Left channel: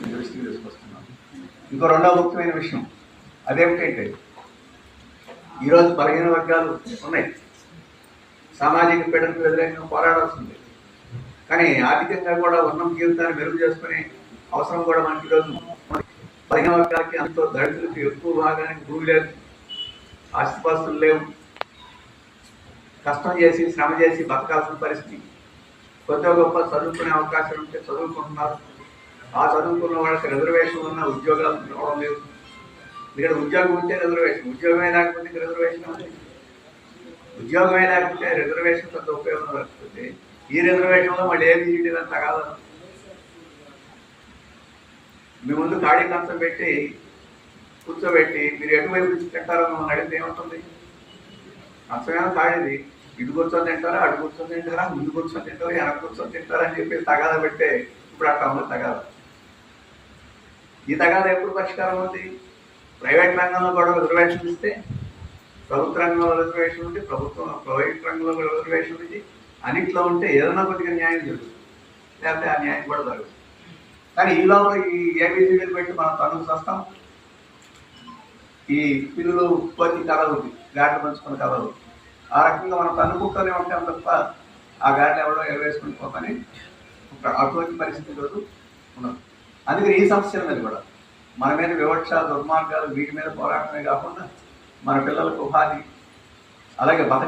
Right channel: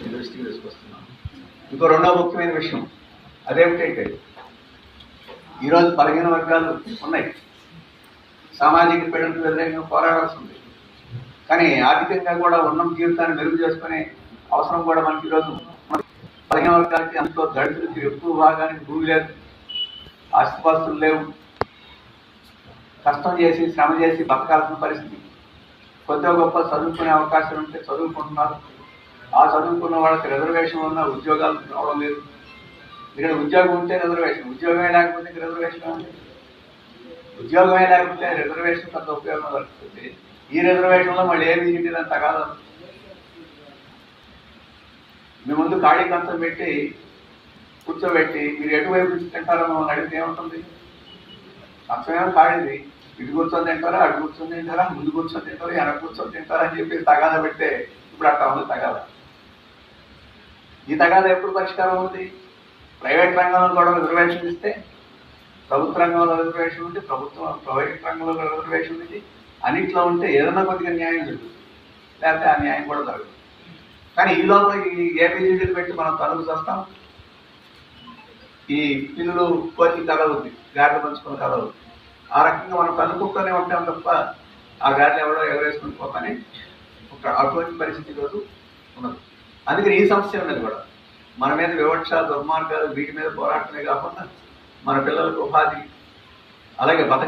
మీ దృష్టికి తీసుకొస్తున్నాం ఇంకో రెండవ ముఖ్యమైన విషయం అదేమిటంటే ఈరోజు బలహీన వర్గాలు ఉన్నాయి. సామాజిక పీడనకు వ్యతిరేకంగా పోరాడాల్సి ఉంది. కానీ ఆర్థికంగా కూడా ఉన్న జీవితాన్ని మెరుగు చేసుకునే అవసరం కూడా మనకి ఈరోజు బలహీన వర్గాలకి అంతో దళితులకి ఎక్కువ భాగానికి భూమి లేదు. ఆస్తిపాస్తులు లేవు. కష్టం చేసి శ్రమ చేసి బతకాల్సిన పరిస్థితి. కొద్దిగా గొప్ప చదువుకునే అవకాశం ఉంటే చదువుకుంటున్నారు. ఆ చదువుకున్న వాళ్ళకి రిజర్వేషన్ ఉన్న ఉద్యోగాలు రావడం లేదు. ఇక్కడ ఉద్యోగం ఉంటే రిజర్వేషన్ ఉద్యోగమే లేకపోతే రిజర్వేషన్ ఉంది ఉద్యోగమే లేకపోతే రిజర్వేషన్ పెద్ద ఉపయోగం దొరుకుతుంది ఈ రిజర్వేషన్లో మళ్ళీ ఏమి తీయడం కాదు. మీ ముందు ఖాళీ కంచం పెట్టి కూర్చోబెట్టి మీరు ఎటువైపు నుంచి తింటారో మమ్మల్ని అడిగితే ఏముంటుంది? కంచమేమో ఖాళీది. ఇటు కూర్చొని తింటారా అటు కూర్చొని తింటారా ముందు కూర్చొని తింటారా వెనక కూర్చొని తింటారా అని చెప్పి తగాద పెడితే ఇప్పుడు అట్లా ఉంది తగాదా? ఈ తగాదా ఎప్పుడు పరిష్కారం అవుతుంది ప్రైవేట్ రంగంలో కూడా రిజర్వేషన్ ఇస్తే ప్రభుత్వ రంగంలో రిజర్వేషన్ ఉంది ప్రభుత్వం ప్రైవేట్ రంగంలో కూడా రిజర్వేషన్ ఉంది. అన్నిట్లో ఉంటే ఏదైనా కొద్దిగా న్యాయం జరుగుతుంది. లేకపోతే ఆ న్యాయం కూడా జరుగుతుంది కానీ ఈ లోపల ఈ ఏబిసిడీలు పెట్టి మనం తనుకు వస్తాం ఈ పిల్లలు కోతి ఉంది గాడి పంచుకున్న కలవు ఆ రకంగా మనం తనుకుంటూనే ఉంటాం తప్ప ఆ గాడిలో ఎవడో ఎగరేసుకుని పోతానే ఒక అటువంటి పరిస్థితి ఈరోజు ఉన్నది. అందుకని ఈ సమస్యల మీద కూడా మన మీద వివక్ష దుర్మార్గాలు వీటి మీద పోరాటమే కాకుండా మన పిల్లలకు ఉపాధి అలాగే బతక